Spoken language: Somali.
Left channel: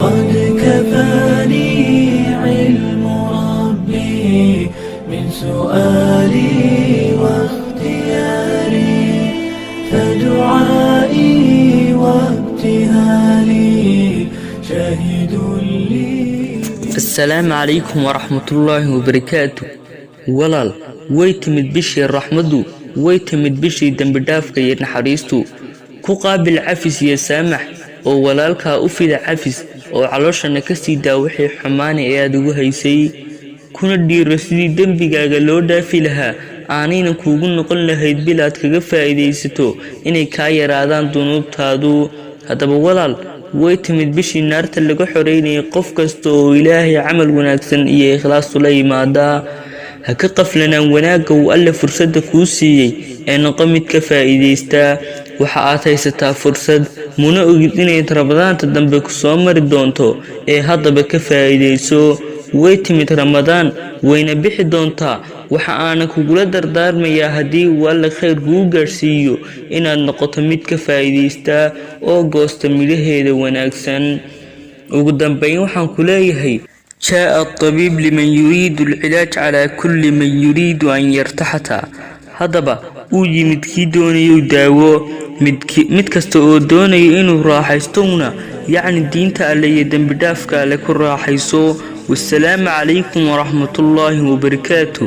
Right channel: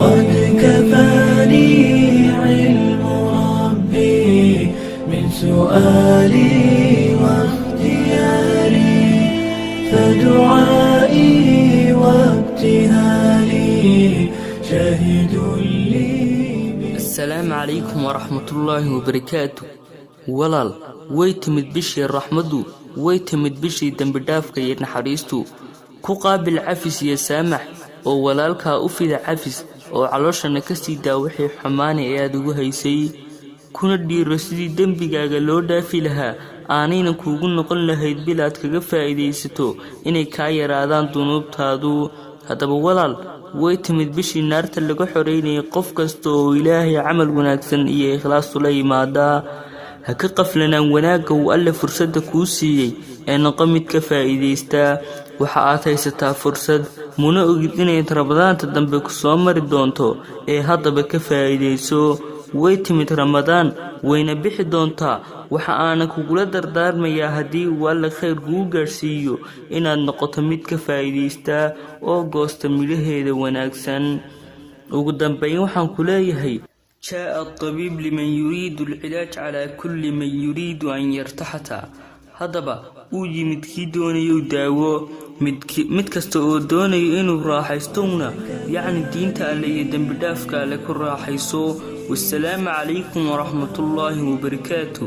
قد كفاني علم ربي من سؤالي واختياري فدعائي وابتهالي شاهد لي. السلام عليكم ورحمة الله وبركاته. walaal way timid bishii raxmadu, way timid bishii dambi dhaafka iyo naxariistu. ku qaabil cafis iyo saamax oo walaalka u fida cafis oo calooshana ka sii daa wixii xumaan ee aad ugu haysay, kuna dhiiro sidii dembigaaga loo dhaafi lahaa aanayna kuugu noqon lahayd bilaad kaga faa'iidaysato inay kaa yaraadaan dunuubtaadu. haddaba walaal, way timid bishii naarta laga xoreynayay qof kasta oo ilaahay camal wanaagsan iyo ikhlaas ula yimaada. ha ka qaflanaan wanaagga uu alle fursadda kuu siiyey ee noqo mid ka faa'iidaysta. waxa aad haysataa fursad, muna ogid inay ramadaanta dambe ku soo mari doonto ee haddaba ka faa'iidayso. way timid ramadaan, wayna bixi doontaa. waxa aana kugula dardaarmayaa haddii uu alle khayr kuu gaarsiiyo inaad noqoto mid ka faa'iidaysta oo goosta midhaheeda wanaagsan. ugu dambayn waxaan ku leeyahay جاء الطبيب لمن يريد العلاج على كل من يريد أن يرتحتا. هذا ويمد كي دوني يداوو مد كستو دوني إنو راحيستونا، يعني الدين تألي يدن بدافك لكل راحيسو. والسلام عليكم ورحمة الله وبركاته.